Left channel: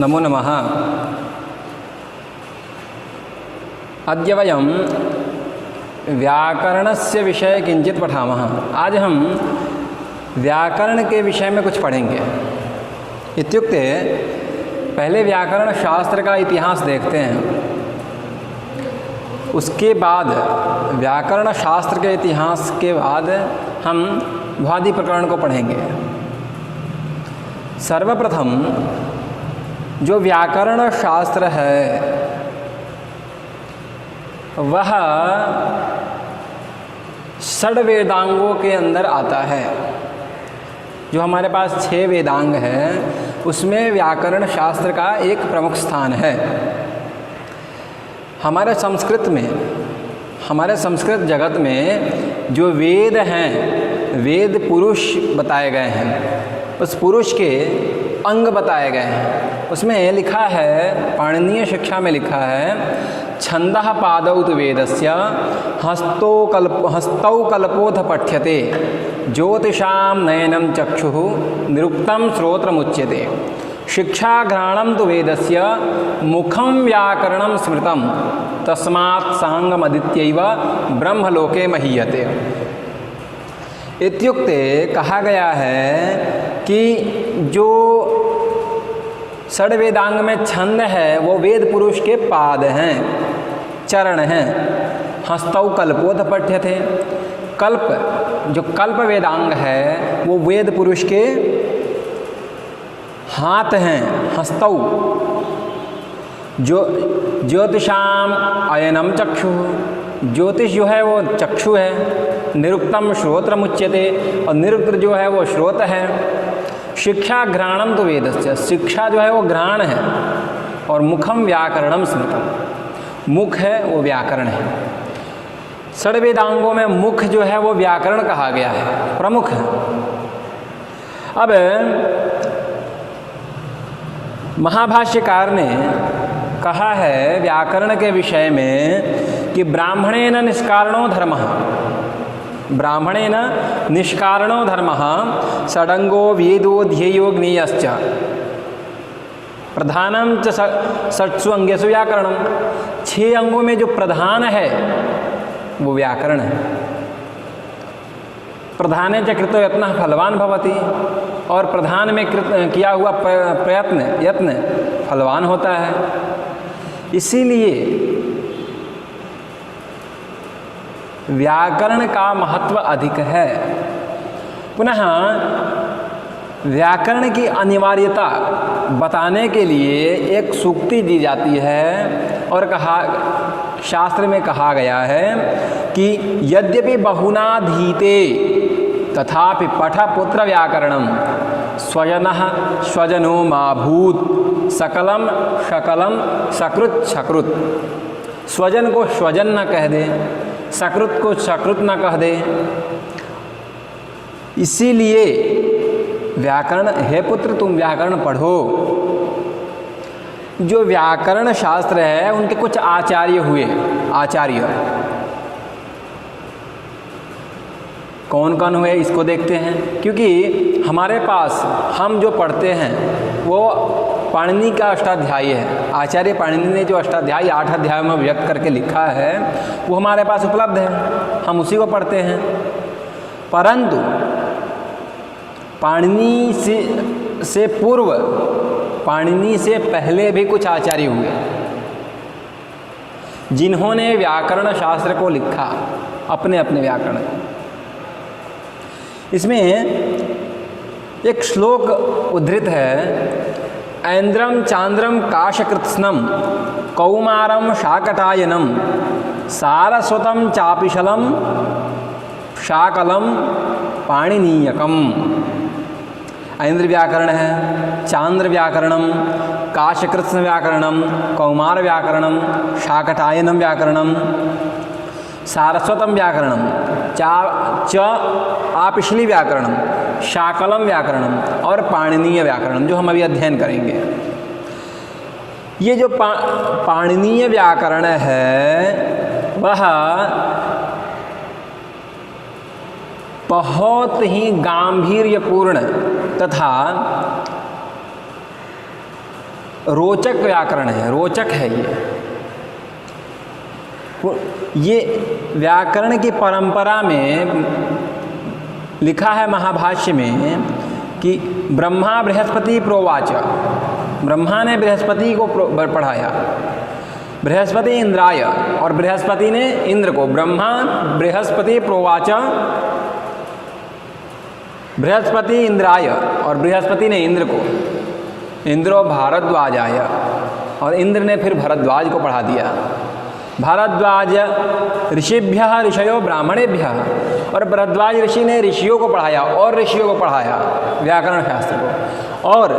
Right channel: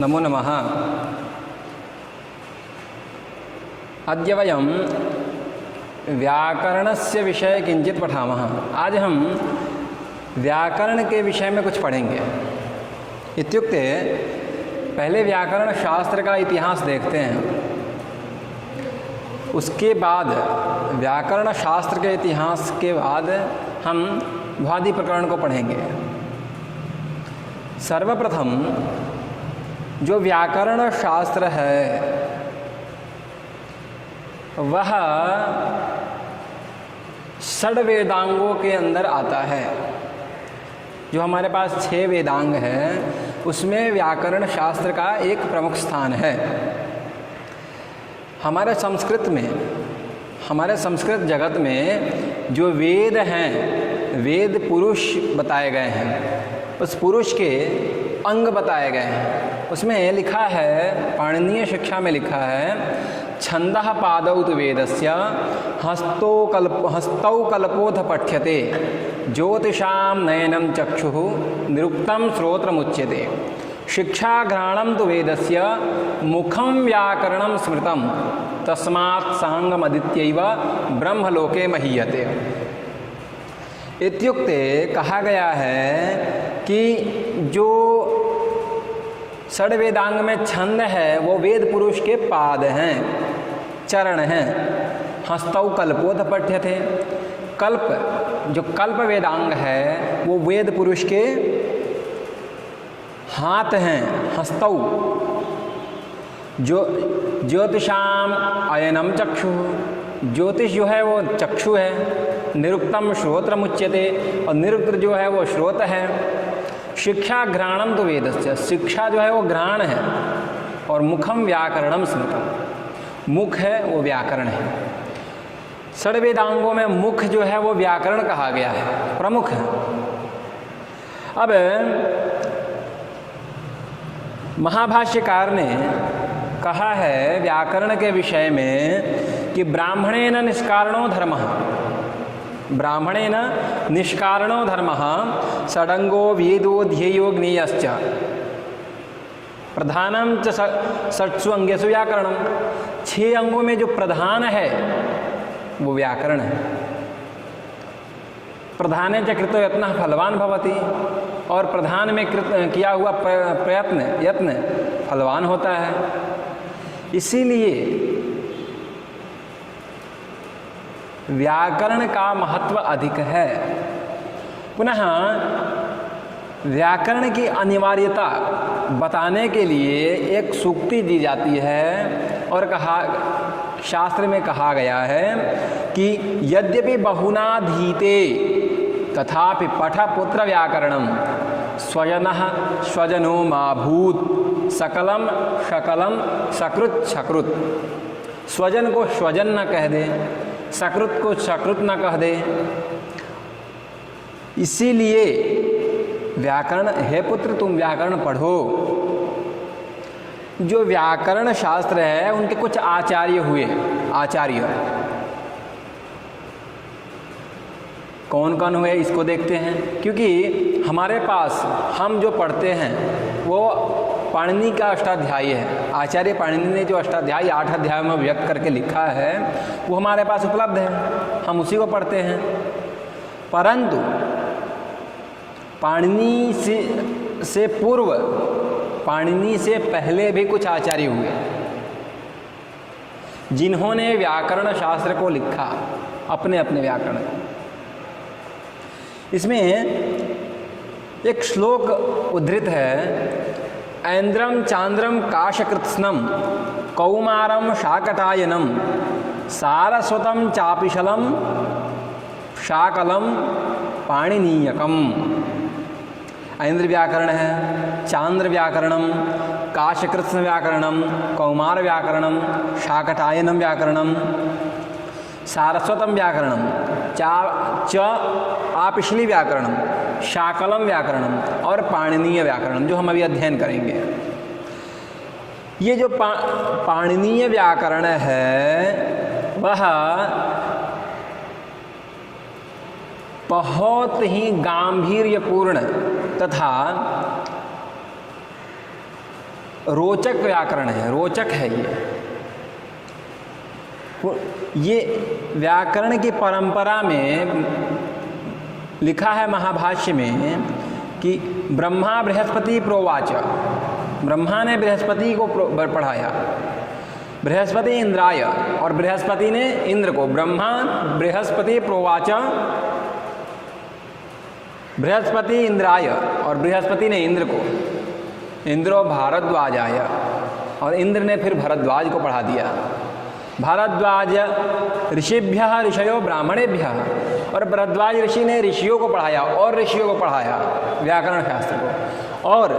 नमो नमः। अद्य वयं व्याकरणस्य विषये किंचित पठामः। आज हम व्याकरण के विषय में कुछ पढ़ेंगे। इत्युक्ते पहले व्याकरण शास्त्र का इतिहास देखते हैं, उसके बाद व्याकरण शास्त्र के इतिहास के बाद हम भ्वादि प्रकरण को पढ़ेंगे। सर्वप्रथम जो व्याकरण शास्त्र है वह षड वेदांगों के अंदर आता है। जो हमारे पास 6 वेदांग हैं उसमें व्याकरण शास्त्र का एक प्रमुख स्थान है। हमारे संस्कृत जगत में जो वेद हैं, वेद पुरुष बताए गए हैं, उस पुरुष के अंग बताए गए हैं। उसमें लिखा है, पाणिनीय शिक्षा में लिखा है, छंदः पादौ तु वेदस्य हस्तौ कल्पोऽथ पठ्यते ज्योतिषां नयनं चक्षुः निरुक्तं श्रोत्रमुच्यते शिक्षाघ्राणं तु वेदस्य मुखं व्याकरणं स्मृतं तस्मात् सांगमदित्यैव ब्रह्मलोके महीयते। इत्युक्ते कहा गया है कि जो षड वेदांग में छंद है वो वेद पुरुष के पाद हैं, चरण हैं। हस्तौ कल्पोऽथ पठ्यते, कल्प जो कल्प वेदांग है वो वेद पुरुष के हाथ हैं, हस्तौ। जो ज्योतिषाम अयनम चक्षु, ज्योतिष जो है वो चक्षु है। निरुक्तम श्रोत्रमुच्यते, और निरुक्त जो है वो श्रोत है। शिक्षा घ्राणम तो वेदस्य, शिक्षा जो है वो घ्राण है। और मुखम व्याकरणम स्मृतम, मुख है वो व्याकरण है। षड वेदांगों में मुख जो है वो व्याकरण कहा गया है, प्रमुख है। अब महाभाष्यकार ने कहा है व्याकरण के विषय में कि ब्राह्मणेन निष्कारणो धर्मः, ब्राह्मणेन निष्कारणो धर्मः षडंगो वेदो ध्येयो ज्ञेयश्च प्रधानम च षट्सु अंगेषु व्याकरणम। 6 अंगों में जो प्रधान है वो व्याकरण है। प्रधाने च कृतो यत्नः फलवान भवति, और प्रधान में किया हुआ यत्न फलवान होता है। इसीलिए व्याकरण का महत्व अधिक है। पुनः व्याकरण की अनिवार्यता बताने के लिए एक सूक्ति दी जाती है, और शास्त्र में कहा गया है कि यद्यपि बहुनाधीते तथापि पठ पुत्र व्याकरणम स्वजनः स्वजनो मा भूत् सकलम शकलम सकृत सकृत। स्वजन को स्वजन न कह दे, सकृत को सकृत न कह दे। इसीलिए व्याकरण, हे पुत्र तुम व्याकरण पढ़ो। जो व्याकरण शास्त्र है उनके कुछ आचार्य हुए। आचार्य कौन कौन हुए इसको देखते हैं, क्योंकि हमारे पास हम जो पढ़ते हैं वो पाणिनि का अष्टाध्यायी है। आचार्य पाणिनि ने जो अष्टाध्यायी 8 अध्यायों में व्यक्त करके लिखा है वो हमारे पास उपलब्ध है, हम उसी को पढ़ते हैं। परंतु पाणिनि से पूर्व, पाणिनि से पहले भी कुछ आचार्य हुए जिन्होंने व्याकरण शास्त्र को लिखा, अपने अपने व्याकरण को। इसमें एक श्लोक उद्धृत है, ऐन्द्रम चांद्रम काशकृत्स्नम कौमारम शाकटायनम सारस्वतम चापिशलम शाकलम पाणिनीयकम। ऐन्द्र व्याकरण है, चांद्र व्याकरणम, काशकृत्स्न व्याकरणम, कौमार व्याकरणम, शाकटायनम व्याकरणम, सारस्वतम व्याकरणम, आपिशली व्याकरणम, शाकलम व्याकरणम और पाणिनीय व्याकरणम, जो हम अभी अध्ययन करेंगे। ये जो पाणिनीय व्याकरण है वह बहुत ही गांभीर्यपूर्ण तथा रोचक व्याकरण है, रोचक है ये व्याकरण की परंपरा में लिखा है महाभाष्य में कि ब्रह्मा बृहस्पति प्रोवाच, ब्रह्मा ने बृहस्पति को पढ़ाया, बृहस्पति इंद्राय, और बृहस्पति ने इंद्र को, ब्रह्मा बृहस्पति प्रोवाच, बृहस्पति इंद्राय और बृहस्पति ने इंद्र को, इंद्रो भारद्वाजाय, और इंद्र ने फिर भरद्वाज को पढ़ा दिया। भारद्वाज ऋषिभ्यः ऋषयो ब्राह्मणेभ्यः, और भरद्वाज ऋषि ने ऋषियों को पढ़ाया और ऋषियों को पढ़ाया व्याकरण शास्त्र को, और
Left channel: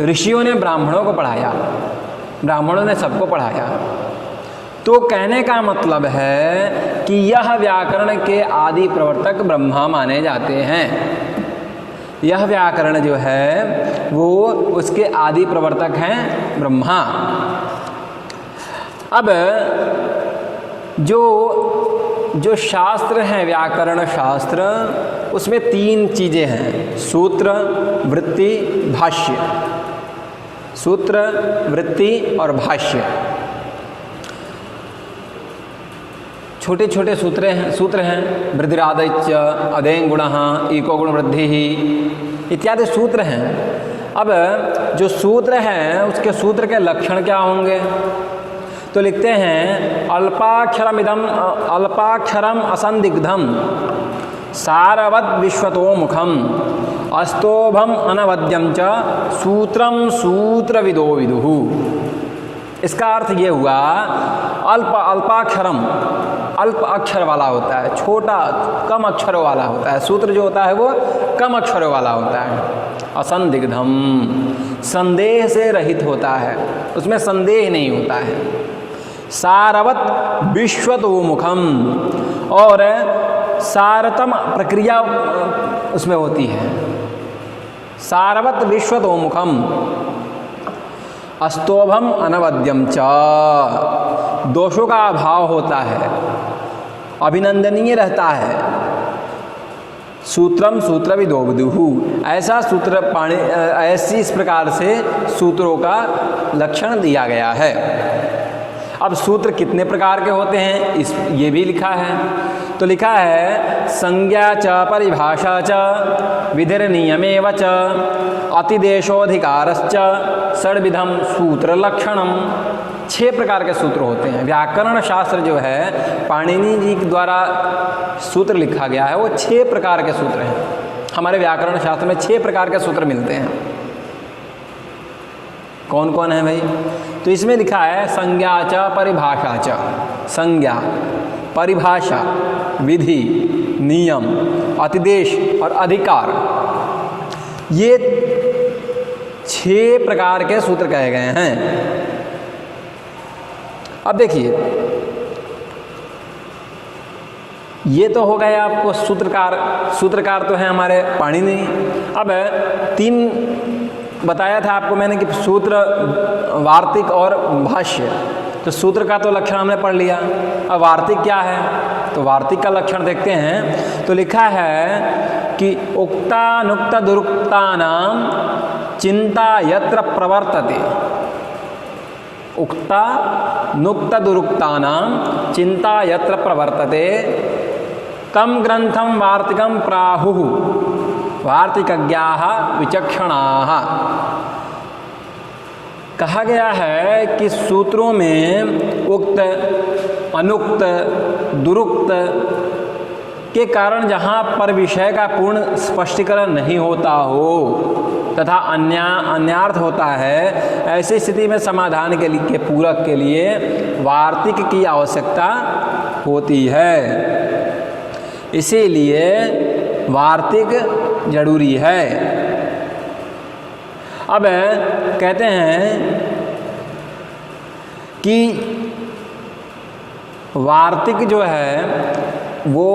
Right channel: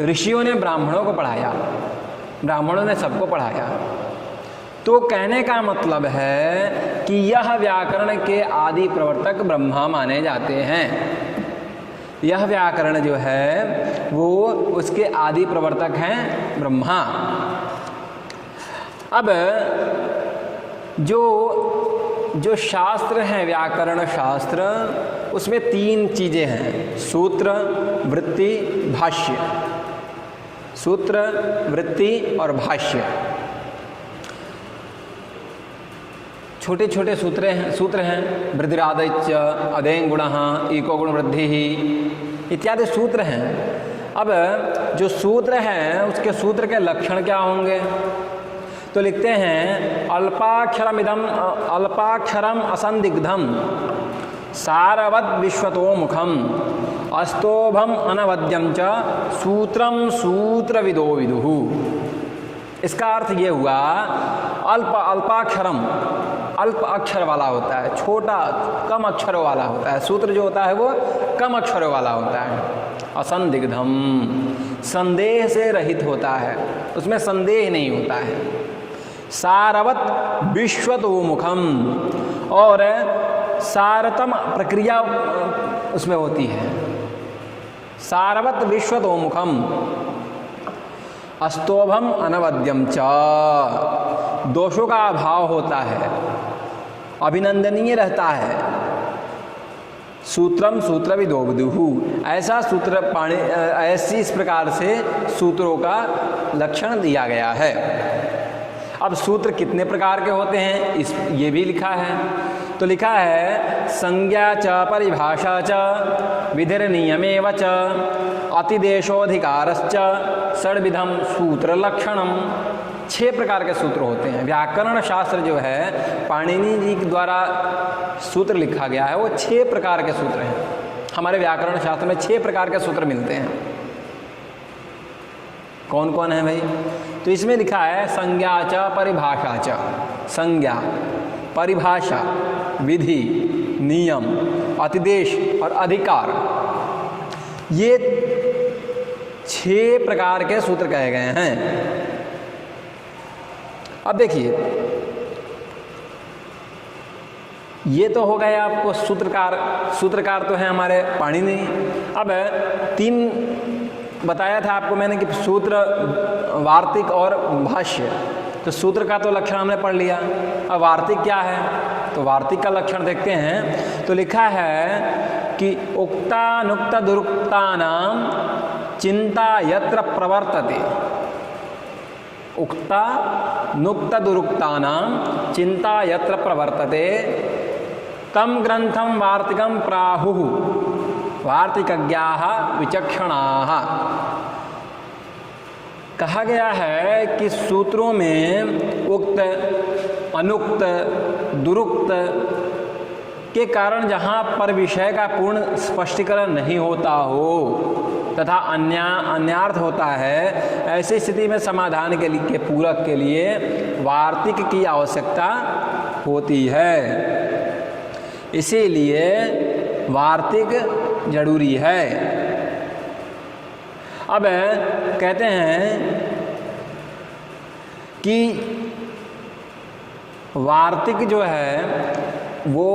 ऋषियों ने ब्राह्मणों को पढ़ाया, ब्राह्मणों ने सबको पढ़ाया। तो कहने का मतलब है कि यह व्याकरण के आदि प्रवर्तक ब्रह्मा माने जाते हैं। यह व्याकरण जो है वो उसके आदि प्रवर्तक हैं ब्रह्मा। अब जो शास्त्र हैं व्याकरण शास्त्र, उसमें 3 चीज़ें हैं, सूत्र, वृत्ति, भाष्य। सूत्र, वृत्ति और भाष्य। छोटे छोटे सूत्र हैं वृद्धिरादैच, अदें गुणः, ईको गुण वृद्धि इत्यादि सूत्र हैं। अब जो सूत्र हैं उसके सूत्र के लक्षण क्या होंगे? तो लिखते हैं अल्पाक्षरम असंदिग्धम सारवद विश्वतो मुखम अस्तोभम अनवद्यम च सूत्रम सूत्रविदो विदुः। इसका अर्थ ये हुआ अल्पाक्षरम, अल्प अक्षर वाला होता है, छोटा कम अक्षरों वाला होता है। सूत्र जो होता है वो कम अक्षरों वाला होता है। असंदिग्धम, संदेह से रहित होता है, उसमें संदेह नहीं होता है। सारवत विश्वतो मुखम, और सारतम प्रक्रिया उसमें होती है। सारवत विश्वतो मुखम अस्तोभम अनवद्यम च, दोषों का अभाव होता है, अभिनंदनीय रहता है। सूत्रम सूत्रविदो विदुः, ऐसा सूत्र ऐसी इस प्रकार से सूत्रों का लक्षण दिया गया है। अब सूत्र कितने प्रकार के होते हैं ये भी लिखा है। तो लिखा है संज्ञा च परिभाषा च विधिर्नियमेव च अतिदेशोधिकारश्च षड्विधम सूत्र लक्षणम। 6 प्रकार के सूत्र होते हैं। व्याकरण शास्त्र जो है पाणिनि जी के द्वारा सूत्र लिखा गया है, वो 6 प्रकार के सूत्र हैं। हमारे व्याकरण शास्त्र में 6 प्रकार के सूत्र मिलते हैं। कौन कौन है भाई? तो इसमें लिखा है संज्ञा च परिभाषा च, संज्ञा, परिभाषा, विधि, नियम, अतिदेश और अधिकार, ये 6 प्रकार के सूत्र कहे गए हैं। अब देखिए, ये तो हो गए आपको सूत्रकार। सूत्रकार तो हैं हमारे पाणिनि। अब 3 बताया था आपको मैंने कि सूत्र, वार्तिक और भाष्य। तो सूत्र का तो लक्षण हमने पढ़ लिया। अब वार्तिक क्या है? तो वार्तिक का लक्षण देखते हैं। तो लिखा है कि उक्तानुक्त दुरुक्तानाम चिंता यत्र प्रवर्तते, उक्ता नुक्त दुरुक्तानाम चिंता यत्र प्रवर्तते कम ग्रंथम वार्तिकम प्राहुः वार्तिकज्ञाः विचक्षणाः। कहा गया है कि सूत्रों में उक्त, अनुक्त, दुरुक्त के कारण जहाँ पर विषय का पूर्ण स्पष्टीकरण नहीं होता हो तथा अन्यार्थ होता है, ऐसी स्थिति में समाधान के पूरक के लिए वार्तिक की आवश्यकता होती है। इसीलिए वार्तिक जरूरी है। अब कहते हैं कि वार्तिक जो है वो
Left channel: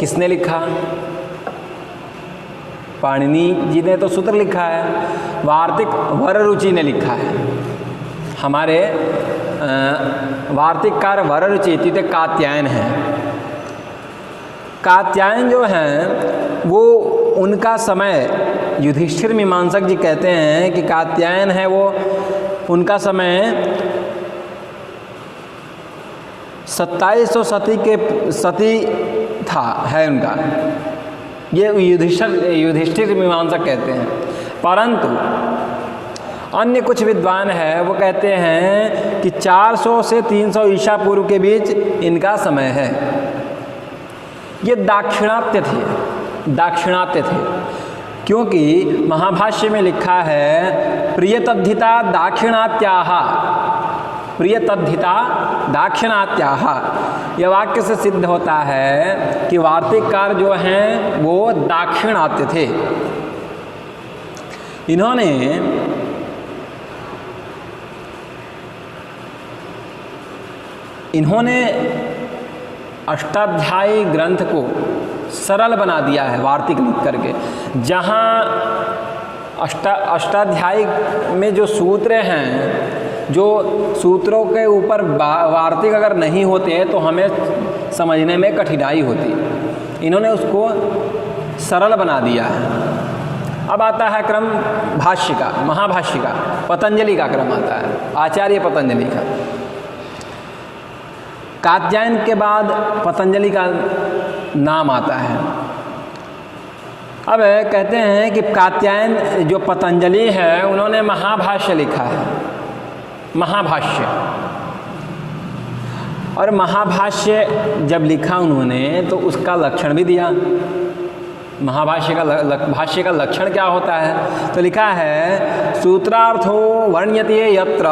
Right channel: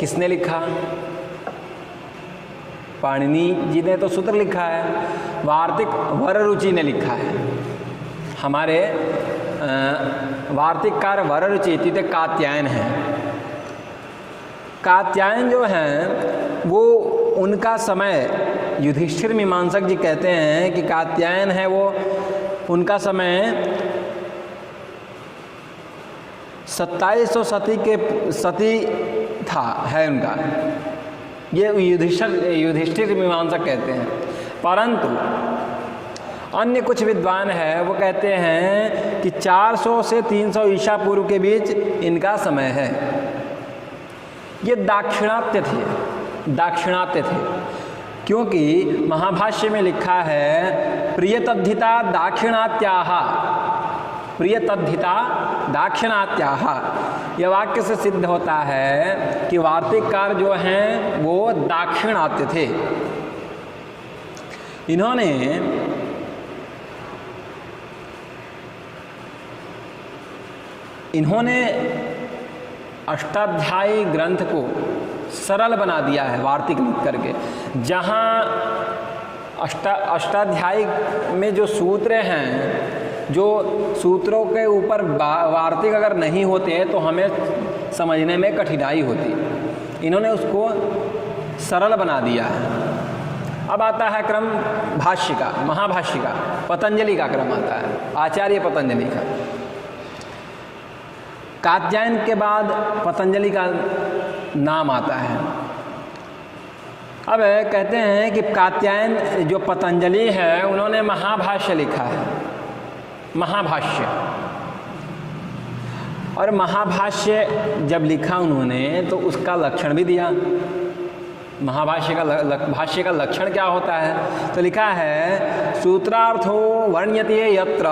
किसने लिखा? पाणिनि जी ने तो सूत्र लिखा है। वार्तिक वररुचि ने लिखा है। हमारे वार्तिककार वररुचि इति कात्यायन हैं। कात्यायन जो हैं वो उनका समय युधिष्ठिर मीमांसक जी कहते हैं कि कात्यायन है वो, उनका समय 2700 सती था है उनका, ये युधिष्ठिर मीमांसक कहते हैं। परंतु अन्य कुछ विद्वान है वो कहते हैं कि 400 से 300 ईसा पूर्व के बीच इनका समय है। ये दाक्षिणात्य थे, क्योंकि महाभाष्य में लिखा है प्रियतद्धिता दाक्षिणात्याः। यह वाक्य से सिद्ध होता है कि वार्तिककार जो हैं वो दाक्षिणात्य थे। इन्होंने अष्टाध्यायी ग्रंथ को सरल बना दिया है वार्तिक लिख करके। जहाँ अष्टाध्यायी में जो सूत्र हैं, जो सूत्रों के ऊपर वार्तिक अगर नहीं होते हैं तो हमें समझने में कठिनाई होती, इन्होंने उसको सरल बना दिया है। अब आता है क्रम भाष्य का, महाभाष्य का, पतंजलि का क्रम आता है, आचार्य पतंजलि का। कात्यायन के बाद पतंजलि का नाम आता है। अब कहते हैं कि कात्यायन जो पतंजलि है उन्होंने महाभाष्य लिखा है, महाभाष्य। और महाभाष्य जब लिखा उन्होंने तो उसका लक्षण भी दिया। महाभाष्य का लक्षण क्या होता है? तो लिखा है सूत्रार्थो वर्ण्यते यत्र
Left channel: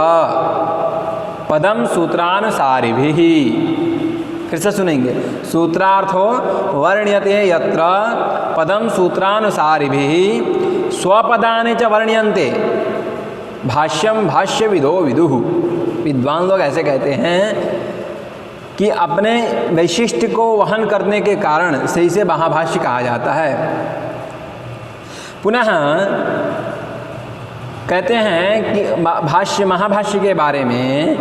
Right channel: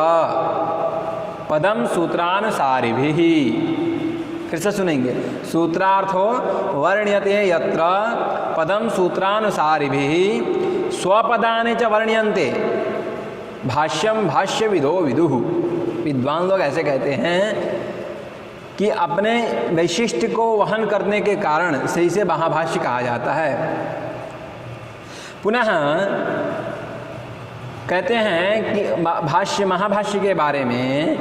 पदम सूत्रानुसारिभिः। फिर से सुनेंगे, सूत्रार्थो वर्ण्यते यत्र पदम सूत्रानुसारिभिः स्वपदानि च वर्ण्यन्ते भाष्यम भाष्यविदो विदुः। विद्वान लोग ऐसे कहते हैं कि अपने वैशिष्ट्य को वहन करने के कारण से इसे महाभाष्य कहा जाता है। पुनः कहते हैं कि भाष्य महाभाष्य के बारे में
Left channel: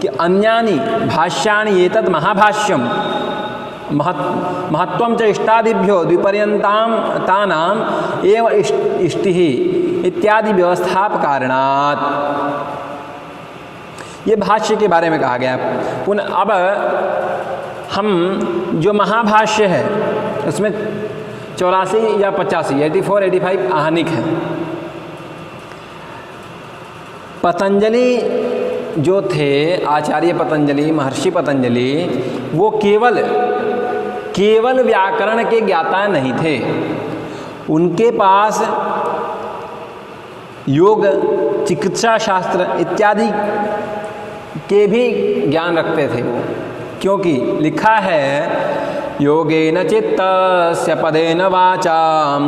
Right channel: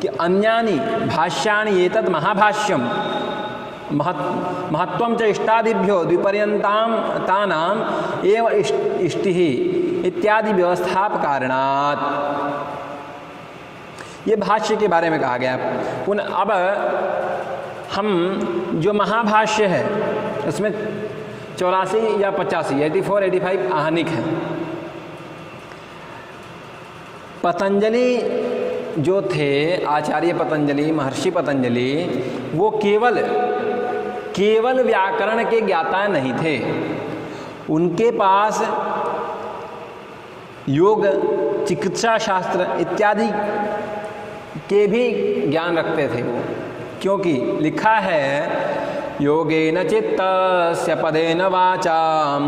कि अन्यानि भाष्यानि एतत् महाभाष्यम महत्वं च इष्टादिभ्यो द्विपर्यन्तां तानाम् एव इष्टिः इत्यादि व्यवस्थापकारणात्। ये भाष्य के बारे में कहा गया। पुनः अब हम जो महाभाष्य है उसमें 84 या 85, 84, 85 आहनिक है। पतंजलि जो थे, आचार्य पतंजलि, महर्षि पतंजलि, वो केवल व्याकरण के ज्ञाता नहीं थे। उनके पास योग, चिकित्सा शास्त्र इत्यादि के भी ज्ञान रखते थे वो, क्योंकि लिखा है योगेन चित्तस्य पदेन वाचां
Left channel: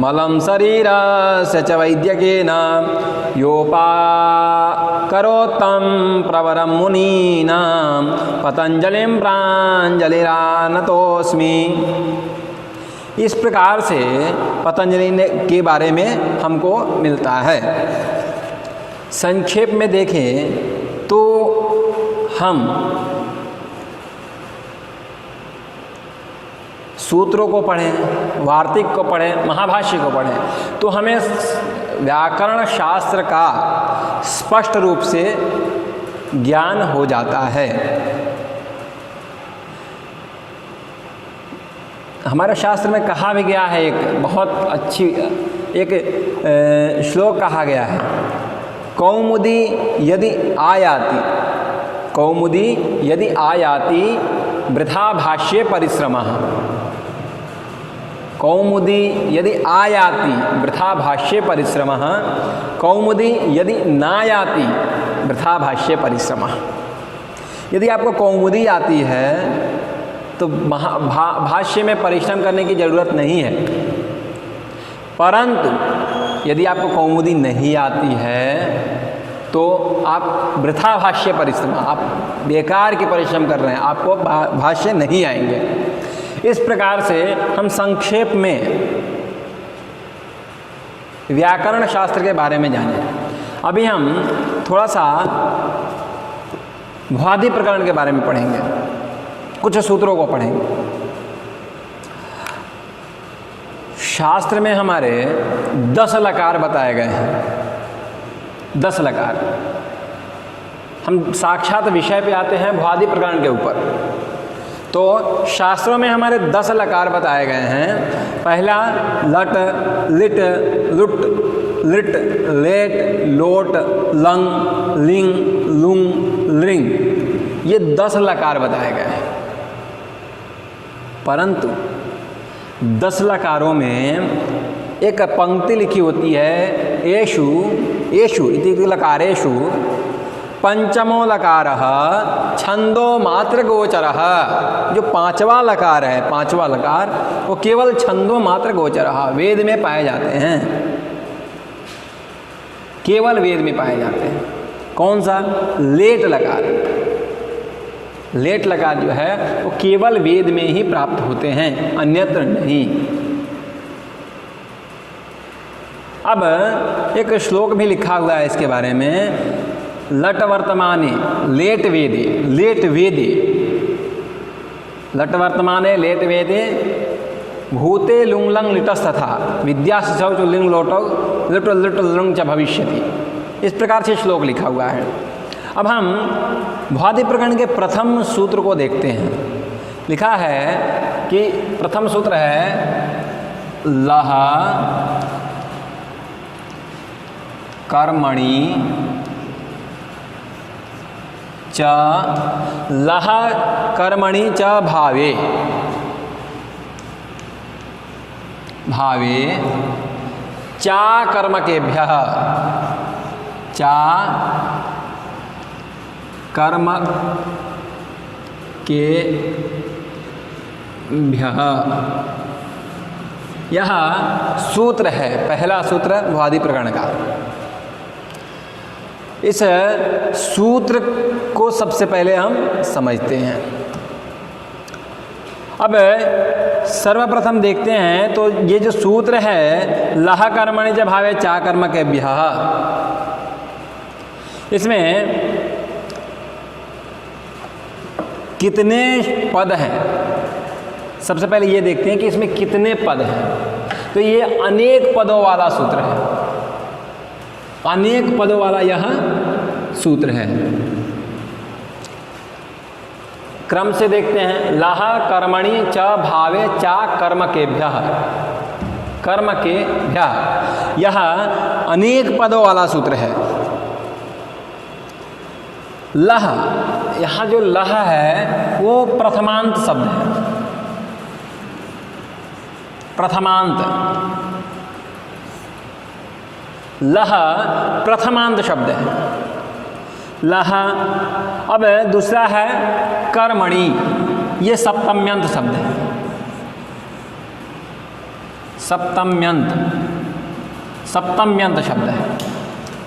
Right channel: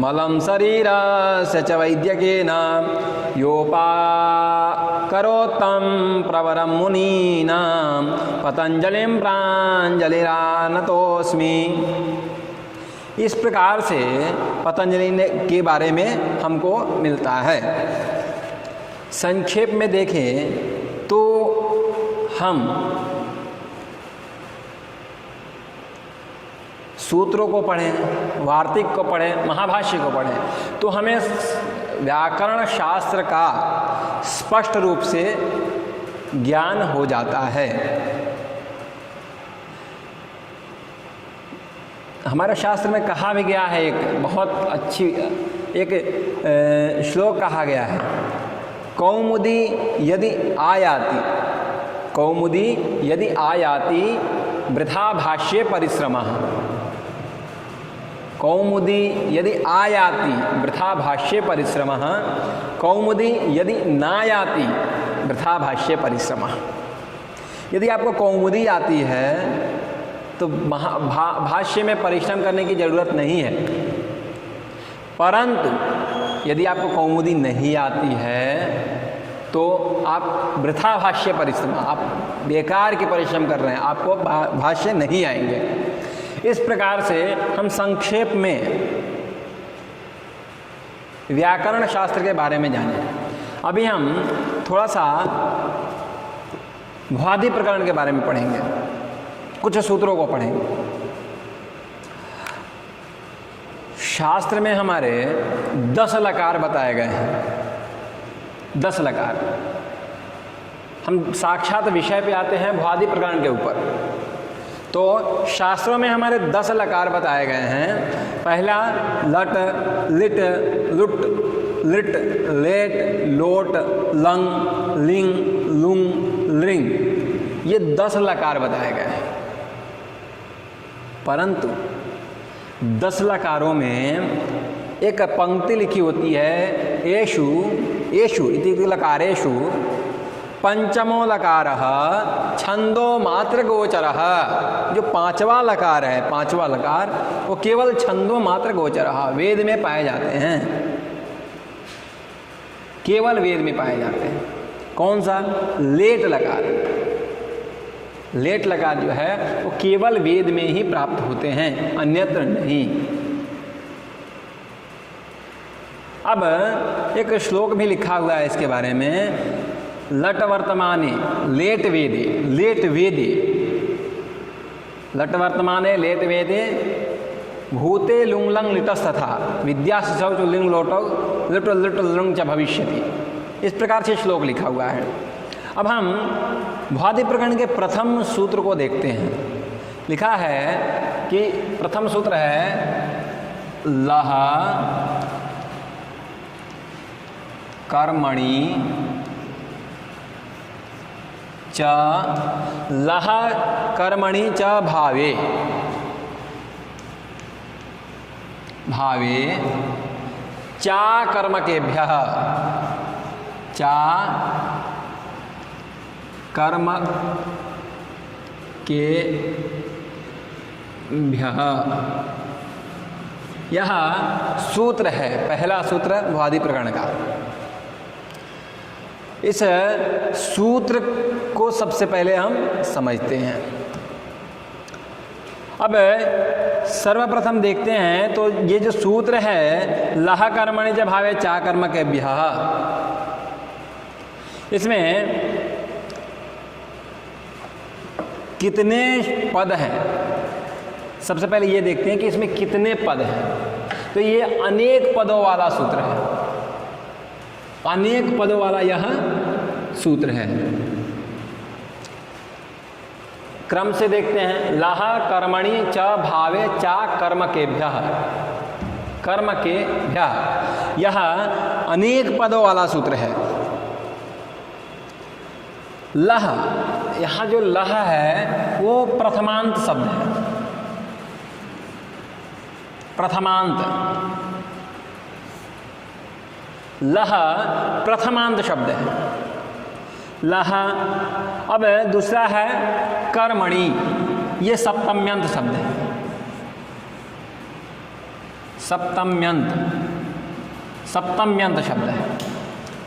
मलं शरीरस्य च वैद्यकेन योपाकरोत्तं प्रवरं मुनीनां पतंजलिं प्राञ्जलिरानतोऽस्मि। इस प्रकार से पतंजलि के बारे में हमको मिलता है। संक्षेप में देखें तो हम सूत्रों को पढ़ें, वार्तिक को पढ़ें, महाभाष्य को पढ़ें तो हमें व्याकरण शास्त्र का स्पष्ट रूप से ज्ञान हो जाता है। हमारे शास्त्र में कहा भी गया है, एक बहुत अच्छी एक श्लोक कहा गया है, कौमुदी यदि आयाति वृथा भाष्ये परिश्रमः। कौमुदी यदि आयाति वृथा भाष्ये परिश्रमः, कौमुदी यदि नायाति वृथा भाष्ये परिश्रमः। यदि आपको कौमुदी आती है तो भाष्य में परिश्रम करने की ज़रूरत नहीं है। परंतु यदि आपको कौमुदी नहीं आती है तो आप वृथा भाष्य परिश्रम, आप बेकार के परिश्रम कर रहे हैं, आपको भाष्य नहीं आएंगे। इस प्रकार से हम संक्षेप में व्याकरण शास्त्र के बारे में जाने। अभी हम थोड़ा सा भ्वादि प्रकरण के बारे में पढ़ेंगे, कुछ सूत्रों को पढ़ेंगे। शास्त्र में हमारे 10 लकार बताए गए हैं। 10 लकार। हम साक्षात विषय पे आते हैं भ्वादि प्रकरण के ऊपर। तो शास्त्रों में हमारे 10 लकार बताए गए हैं। पहला लट, लिट, लुट, लिट, लेट, लोट, लंग, लिंग, लुंग, लिंग, ये 10 लकार बताए गए हैं। परंतु 10 लकारों में एक पंक्ति लिखी होती है, येषु येषु इति लकारेषु पंचमो लकारः छंदो मात्र गोचरः। जो 5वां लकार है, 5वां लकार, वो केवल छंदो मात्र गोचरः, वेद में पाए जाते हैं, केवल वेद में पाए जाते हैं। कौन सा? लेट लकार। लेट लकार जो है वो केवल वेद में ही प्राप्त होते हैं, अन्यत्र नहीं। अब एक श्लोक भी लिखा हुआ है इसके बारे में, लट वर्तमाने लेट वेदे, लेट वेदे, लट वर्तमाने लेट वेदे भूते लुंग लंग लिटस्तथा विद्याशौच लिंग लोटो लिट लिट लुंग च भविष्यति। इस प्रकार से श्लोक लिखा हुआ है। अब हम भ्वादि प्रकरण के प्रथम सूत्र को देखते हैं। लिखा है कि प्रथम सूत्र है लह कर्मणि च, लह कर्मणि च भावे, भावे चा कर्मकेभ्यः, चा कर्म के भ्यः। यह सूत्र है, पहला सूत्र भ्वादि प्रकरण का। इस सूत्र को सबसे पहले हम समझते हैं। अब सर्वप्रथम देखते हैं तो ये जो सूत्र है लह कर्मणि च भावे चा कर्म के भ्यः, इसमें कितने पद हैं? सबसे पहले ये देखते हैं कि इसमें कितने पद हैं। तो ये अनेक पदों वाला सूत्र है, अनेक पदों वाला यह सूत्र है। क्रम से देखते हैं, लह कर्मणि च भावे चा कर्म के भ्यः, कर्म के भ्यः, यह अनेक पदों वाला सूत्र है। लह, यहाँ जो लह है वो प्रथमांत शब्द है, प्रथमांत, लह प्रथमांत शब्द है, लह। अब दूसरा है कर्मणि, ये सप्तम्यंत शब्द है, सप्तम्यंत, सप्तम्यंत शब्द है।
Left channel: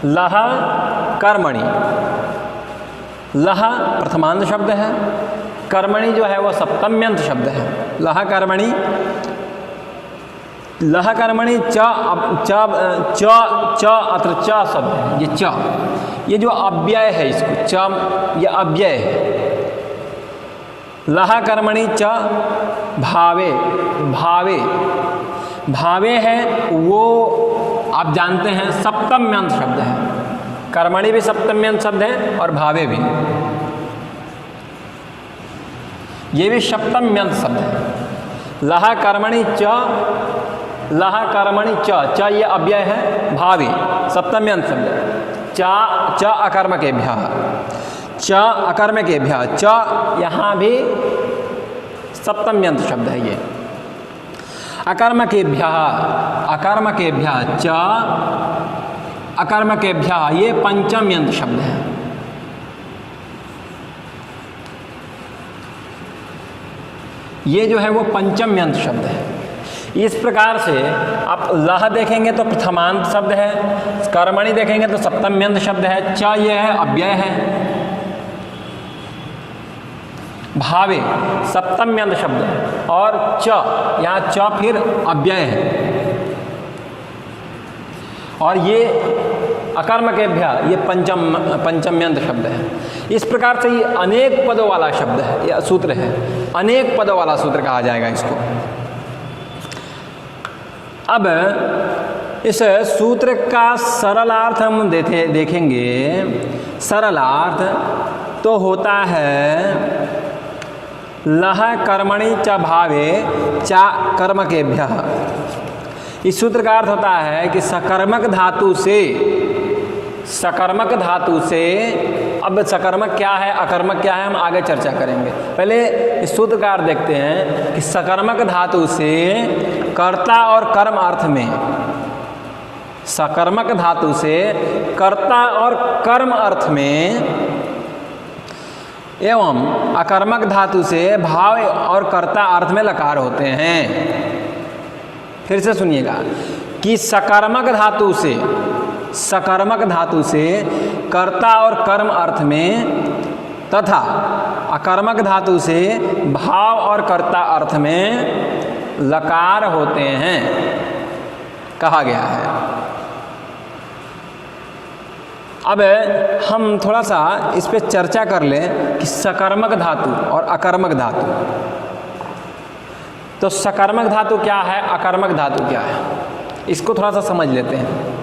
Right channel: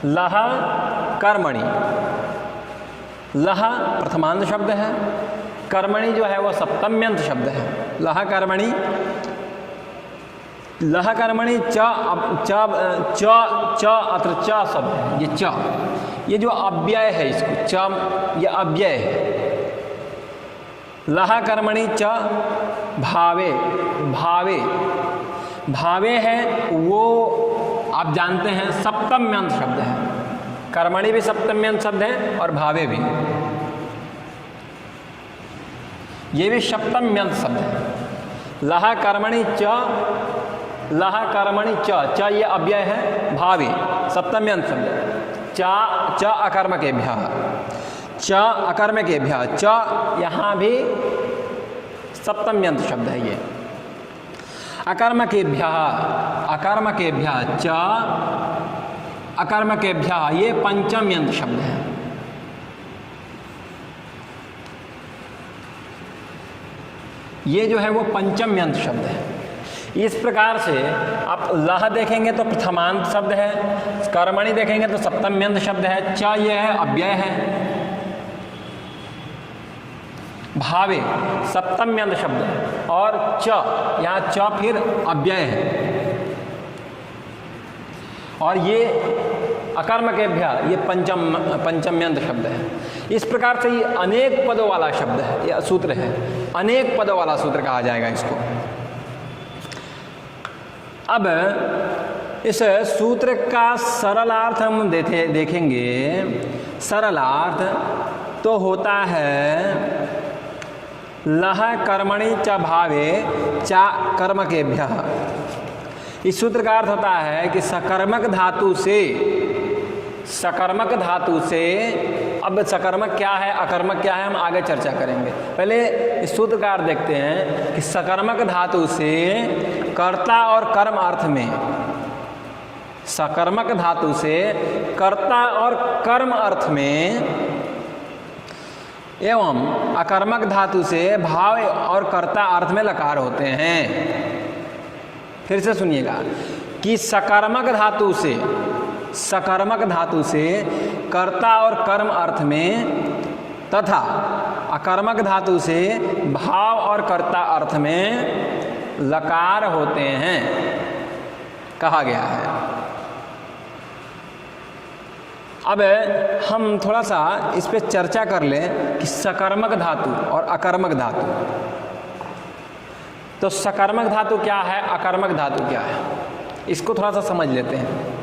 लह कर्मणि, लह प्रथमांत शब्द है, कर्मणि जो है वो सप्तम्यंत शब्द है। लह कर्मणि, लह कर्मणि च, च च अत्र च शब्द है, ये च, ये जो अव्यय है, इसको च, ये अव्यय है। लह कर्मणि च भावे, भावे, भावे है वो आप जानते हैं सप्तम्यंत शब्द है। कर्मणि भी सप्तम्यंत शब्द है और भावे भी, ये भी सप्तम्यंत शब्द है। लह कर्मणि च, लह कर्मणि च, च ये अव्यय है, भावे सप्तम्यंत शब्द है। च च अकर्म के भ्यः, च अकर्म के भ्यः, च यहाँ भी सप्तम्यंत शब्द है। ये अकर्म के भ्यः, अकर्म के भ्यः, च अकर्म के भ्यः, ये पंचम्यंत शब्द है। ये जो है वो पंचम्यंत शब्द है। इस प्रकार से आप लह देखेंगे तो प्रथमांत शब्द है, कर्मणि देखेंगे तो सप्तम्यंत शब्द है, च ये है अव्यय है, भावे सप्तम्यंत शब्द है, और च यहाँ च फिर अव्यय है, और ये अकर्म के भ्यः, ये पंचम्यंत शब्द है। इस प्रकार से ये अनेक पदों वाला शब्द है, यह सूत्र है, अनेक पदों वाला सूत्र कहा जाएगा इसको। अब इस सूत्र का सरलार्थ हम देखेंगे। सरलार्थ तो होता है लह कर्मणि च भावे चा कर्मकेभ्यः। इस सूत्र का अर्थ होता है कि सकर्मक धातु से, अब सकर्मक क्या है अकर्मक क्या है हम आगे चर्चा करेंगे। पहले इस सूत्र का अर्थ देखते हैं कि सकर्मक धातु से कर्ता और कर्म अर्थ में, सकर्मक धातु से कर्ता और कर्म अर्थ में एवं अकर्मक धातु से भाव और कर्ता अर्थ में लकार होते हैं। फिर से सुनिएगा कि सकर्मक धातु से कर्ता और कर्म अर्थ में तथा अकर्मक धातु से भाव और कर्ता अर्थ में लकार होते हैं कहा गया है। अब हम थोड़ा सा इस पे चर्चा कर लें कि सकर्मक धातु और अकर्मक धातु। तो सकर्मक धातु क्या है, अकर्मक धातु क्या है, इसको थोड़ा सा समझ लेते हैं।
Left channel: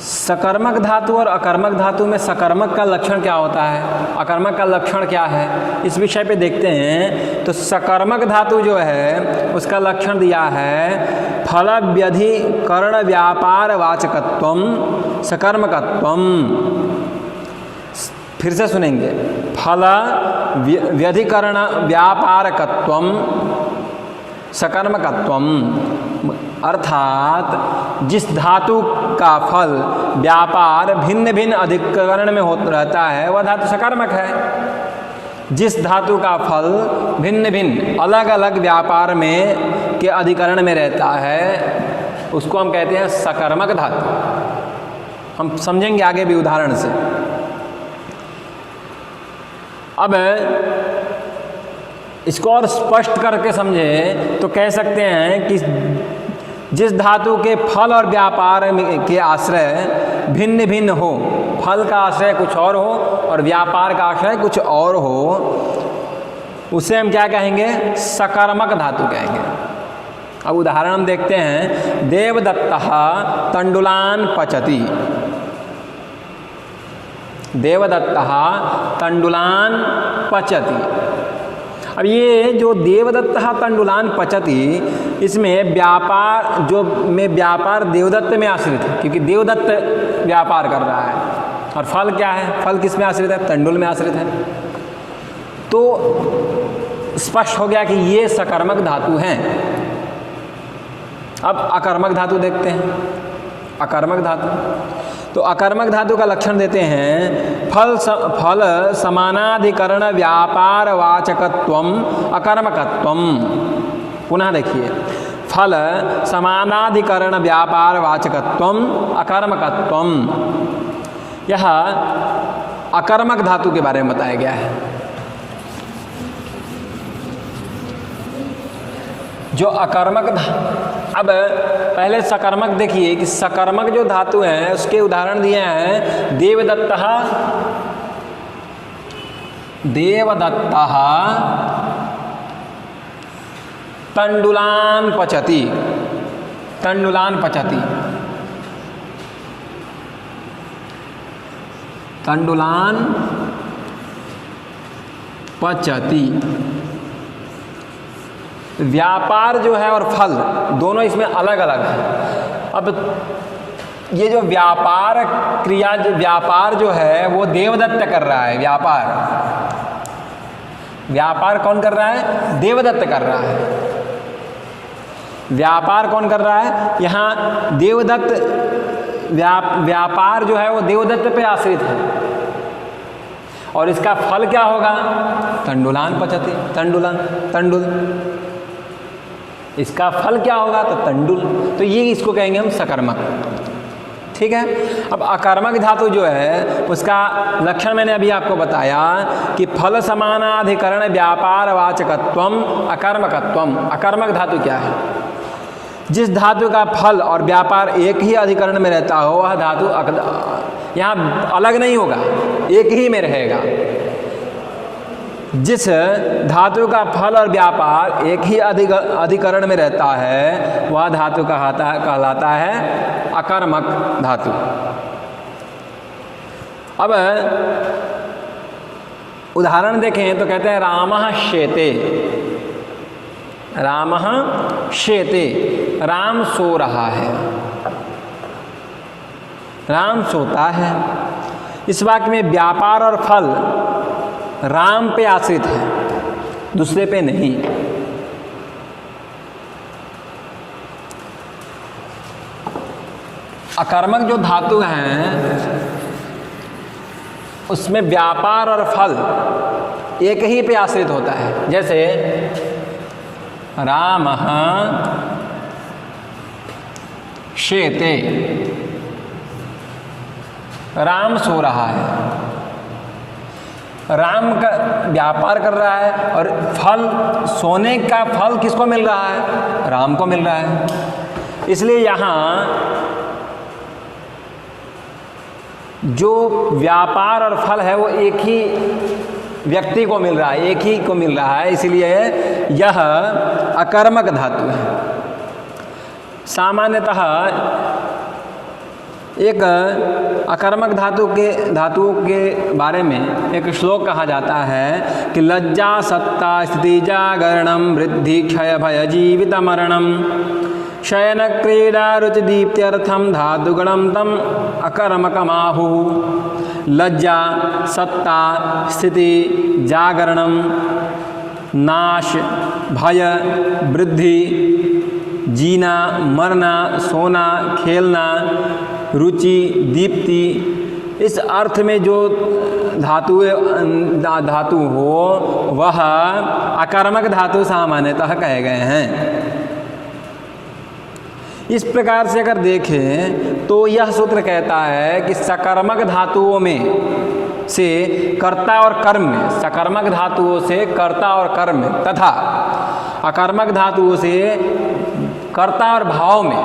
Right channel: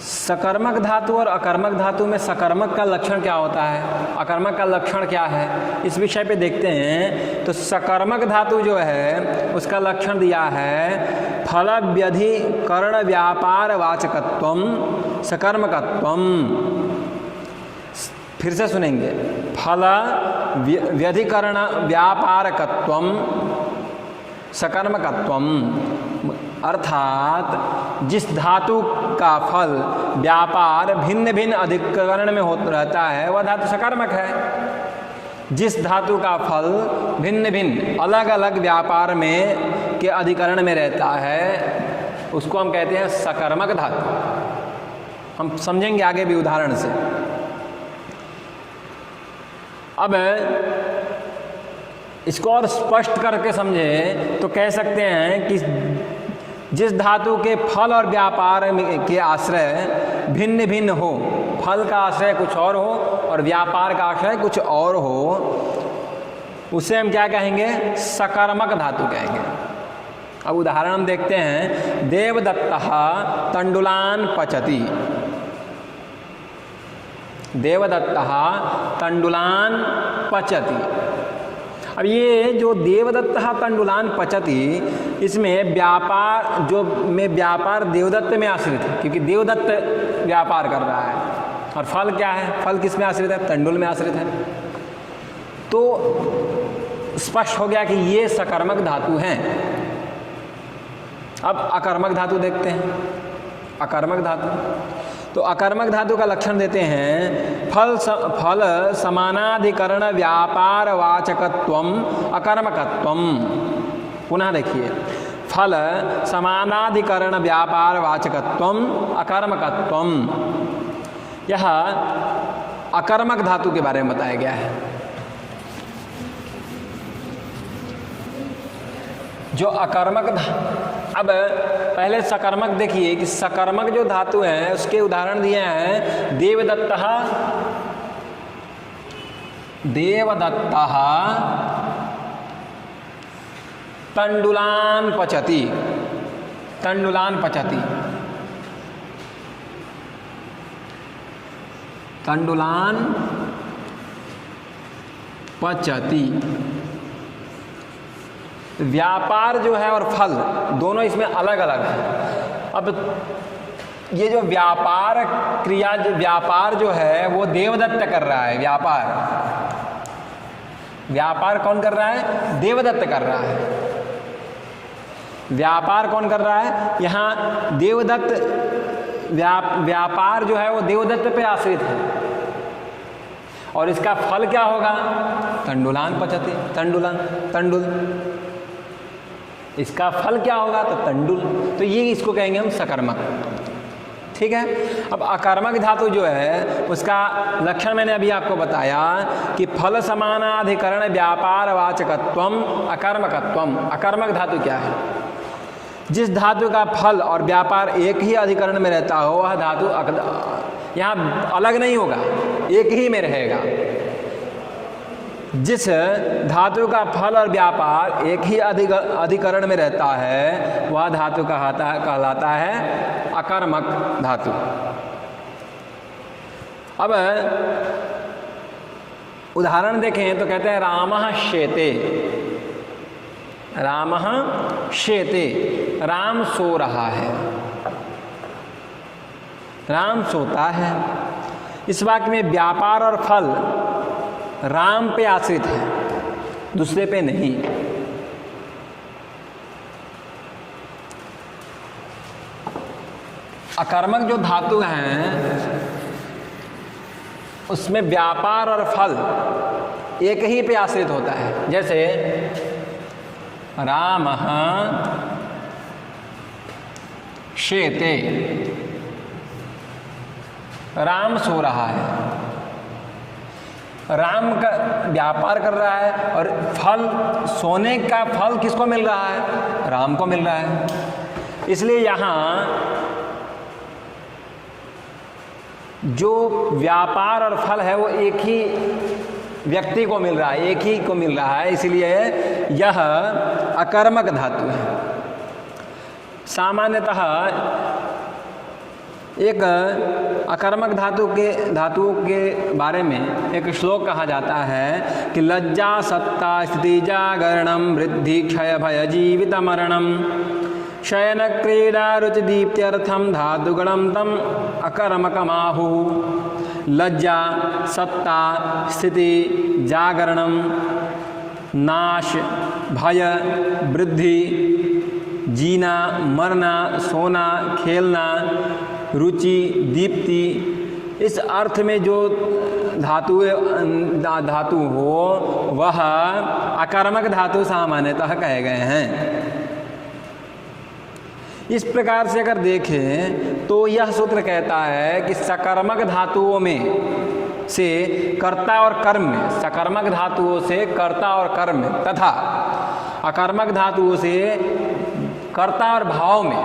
सकर्मक धातु और अकर्मक धातु में सकर्मक का लक्षण क्या होता है, अकर्मक का लक्षण क्या है, इस विषय पे देखते हैं। तो सकर्मक धातु जो है उसका लक्षण दिया है फल व्यधिकरण व्यापार वाचकत्वम सकर्मकत्वम। फिर से सुनेंगे, फल व्यधिकरण व्यापारकत्वम सकर्मकत्वम, अर्थात जिस धातु का फल व्यापार भिन्न भिन्न अधिकरण में रहता है वह धातु सकर्मक है। जिस धातु का फल भिन्न भिन्न अलग अलग व्यापार में के अधिकरण में रहता है उसको हम कहते हैं सकर्मक धातु। हम समझेंगे आगे भी उदाहरण से। अब इसको और स्पष्ट करके समझे तो कह सकते हैं कि जिस धातु के फल और व्यापार के आश्रय भिन्न भिन्न हो, फल का आश्रय कुछ और हो और व्यापार का आश्रय कुछ और हो, उसे हम क्या कहेंगे, सकर्मक धातु कहेंगे। अब उदाहरण हम देखते हैं, देवदत्तः तंडुलान पचति। देवदत्तः तंडुलान पचति। अब ये जो देवदत्तः तंडुलान पचति, इसमें व्यापार जो में व्यापार देवदत्त में आश्रित है, क्योंकि देवदत्त व्यापार कर रहा है। और फल क्या है, फल किस में आश्रित है, तंडुल में आश्रित है। तो स्पष्ट हो गया कि ये सकर्मक धातु हैं। अब अकर्मक धातु देखते हैं। अकर्मक धातु, तो अकर्मक धातु का लक्षण देते हैं फल समानाधिकरण व्यापार वाचकत्वम अकर्मकत्वम। पुनः देखिए, फल समानाधिकरण व्यापार वाचकत्वम अकर्मकत्वम। यह अकर्मक धातु के बारे में बताया गया है। जो अकर्मक, अब पहले सकर्मक देखिए कि सकर्मक जो धातु हैं उसके उदाहरण दिए हैं। देवदत्तः, देवदत्तः तंडुलान पचति। तंडुलान पचति, तंडुलान पचति। व्यापार जो है और फल दोनों इसमें अलग अलग है। अब ये जो व्यापार क्रिया, व्यापार जो है वो देवदत्त कर रहा है। व्यापार कौन कर रहा है, देवदत्त कर रहा है। व्यापार कौन कर रहा है, यहाँ देवदत्त व्यापार जो है वो देवदत्त पे आश्रित है। और इसका फल क्या होगा, तंडुलान पचति, तंडुलान, तंडुल। इसका फल क्या होगा, तो तंडुल। तो ये इसको कहेंगे हम सकर्मक। ठीक है। अब अकर्मक धातु जो है उसका लक्षण मैंने अभी आपको बताया कि फल समानाधिकरण व्यापार वाचकत्वम अकर्मकत्वम। अकर्मक धातु क्या है, जिस धातु का फल और व्यापार एक ही अधिकरण में रहता हो वह धातु यहाँ अलग नहीं होगा, एक ही में रहेगा। जिस धातु का फल और व्यापार एक ही अधिकरण में रहता है वह धातु कहलाता है अकर्मक धातु। अब उदाहरण देखें तो कहते हैं रामः शेते, रामः शेते, राम सो रहा है, राम सोता है। इस वाक्य में व्यापार और फल राम पे आश्रित है, दूसरे पे नहीं। अकर्मक जो धातु हैं उसमें व्यापार और फल एक ही पे आश्रित होता है। जैसे रामः शेते, राम सो रहा है, राम का व्यापार कर रहा है और फल, सोने का फल किसको मिल रहा है? राम को मिल रहा है। इसलिए यहाँ जो व्यापार और फल है वो एक ही व्यक्ति को मिल रहा है, एक ही को मिल रहा है, इसलिए यह अकर्मक धातु है। सामान्यतः एक अकर्मक धातुओं के बारे में एक श्लोक कहा जाता है कि लज्जा सत्ता स्थिति जागरणम वृद्धि क्षय भय जीवित मरणम शयन क्रीडा रुचि दीप्त्यर्थम धातुगणम तम अकर्मकमाहु। लज्जा सत्ता स्थिति जागरणम नाश भय वृद्धि जीना मरना सोना खेलना रुचि दीप्ति, इस अर्थ में जो धातु हो वह अकर्मक धातु सामान्यतः कहे गए हैं। इस प्रकार से अगर देखें तो यह सूत्र कहता है कि सकर्मक धातुओं में से कर्ता और कर्म में, सकर्मक धातुओं से कर्ता और कर्म में तथा अकर्मक धातुओं से कर्ता और भाव में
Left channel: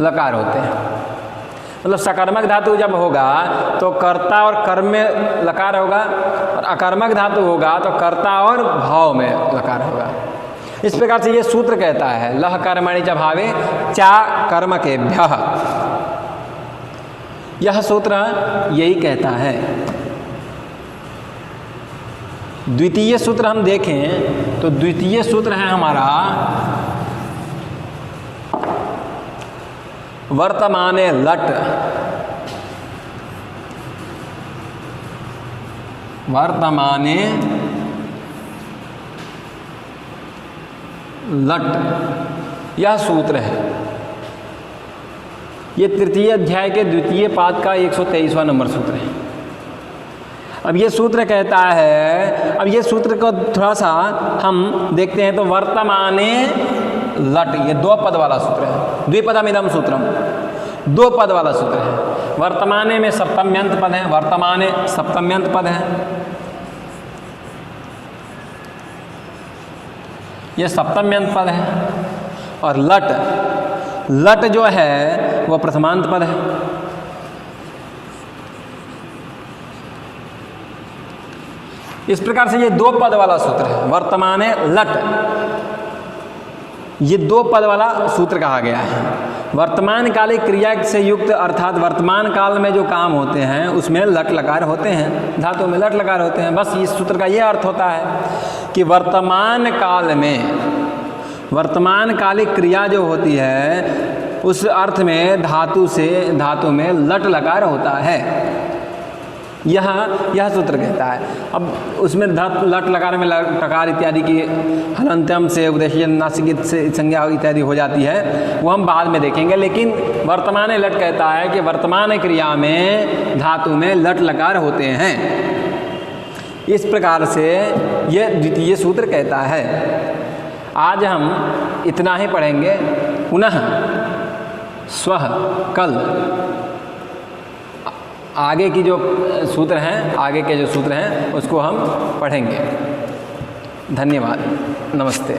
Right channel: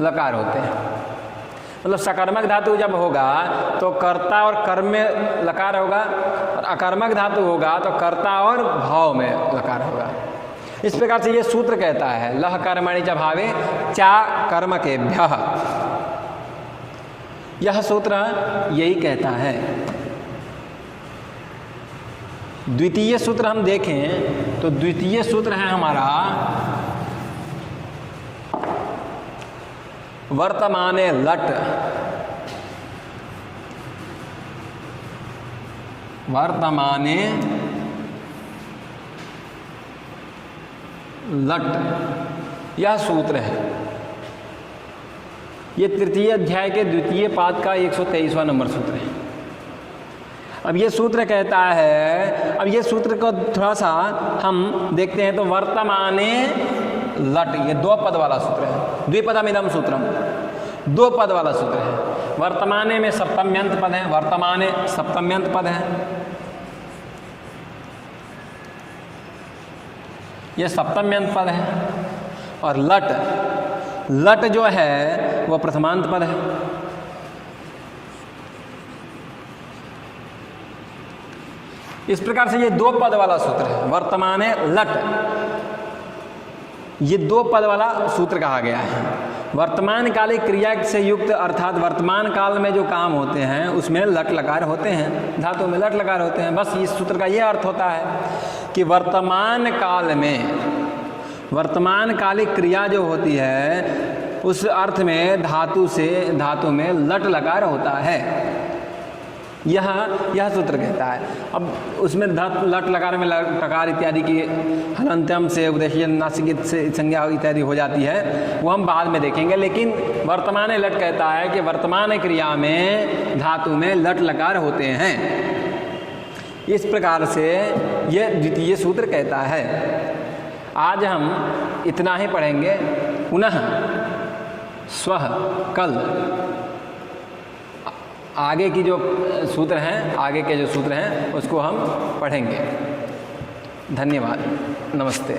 लकार होते हैं। मतलब सकर्मक धातु जब होगा तो कर्ता और कर्म में लकार होगा और अकर्मक धातु होगा तो कर्ता और भाव में लकार होगा। इस प्रकार से ये सूत्र कहता है लह कर्मणि च भावे चा कर्मकेभ्यः। यह सूत्र यही कहता है। द्वितीय सूत्र हम देखें तो द्वितीय सूत्र है हमारा वर्तमाने लट, वर्तमाने लट, यह सूत्र है। ये तृतीय अध्याय के द्वितीय पाद का 123वां नंबर सूत्र है। अब ये सूत्र कहता है, अब ये सूत्र को थोड़ा सा हम देखते हैं तो वर्तमाने लट, ये दो पद वाला सूत्र है। द्विपदमिदं सूत्रम, दो पद वाला सूत्र है। वर्तमाने में सप्तम्यंत पद है, वर्तमाने सप्तम्यंत पद है, ये सप्तम्यंत पद है। और लट, लट जो है वो प्रथमांत पद है। इस प्रकार से ये दो पद वाला सूत्र है, वर्तमाने लट, ये दो पद वाला सूत्र कहा गया है। वर्तमान कालिक क्रिया से युक्त अर्थात वर्तमान काल में जो काम होते हैं उसमें लट लकार होते हैं, धातु में लट लकार होते हैं। बस इस सूत्र का ये अर्थ होता है कि वर्तमान काल में वर्तमान कालिक क्रिया जो होती है उस अर्थ में धातु में लट लकार होता है। यह सूत्र कहता है। अब उसमें लट लकार में लकार इत्यादि की हलंत्यम से उपदेश नासिक से संज्ञा इत्यादि हो जाती है, वो हम बाद में देखेंगे। लेकिन वर्तमान लट कहता है कि वर्तमान क्रिया में धातु में लट लकार होते हैं। इस प्रकार से यह द्वितीय सूत्र कहता है। आज हम इतना ही पढ़ेंगे। पुनः स्वः कल आगे की जो सूत्र हैं, आगे के जो सूत्र हैं उसको हम पढ़ेंगे। धन्यवाद, नमस्ते।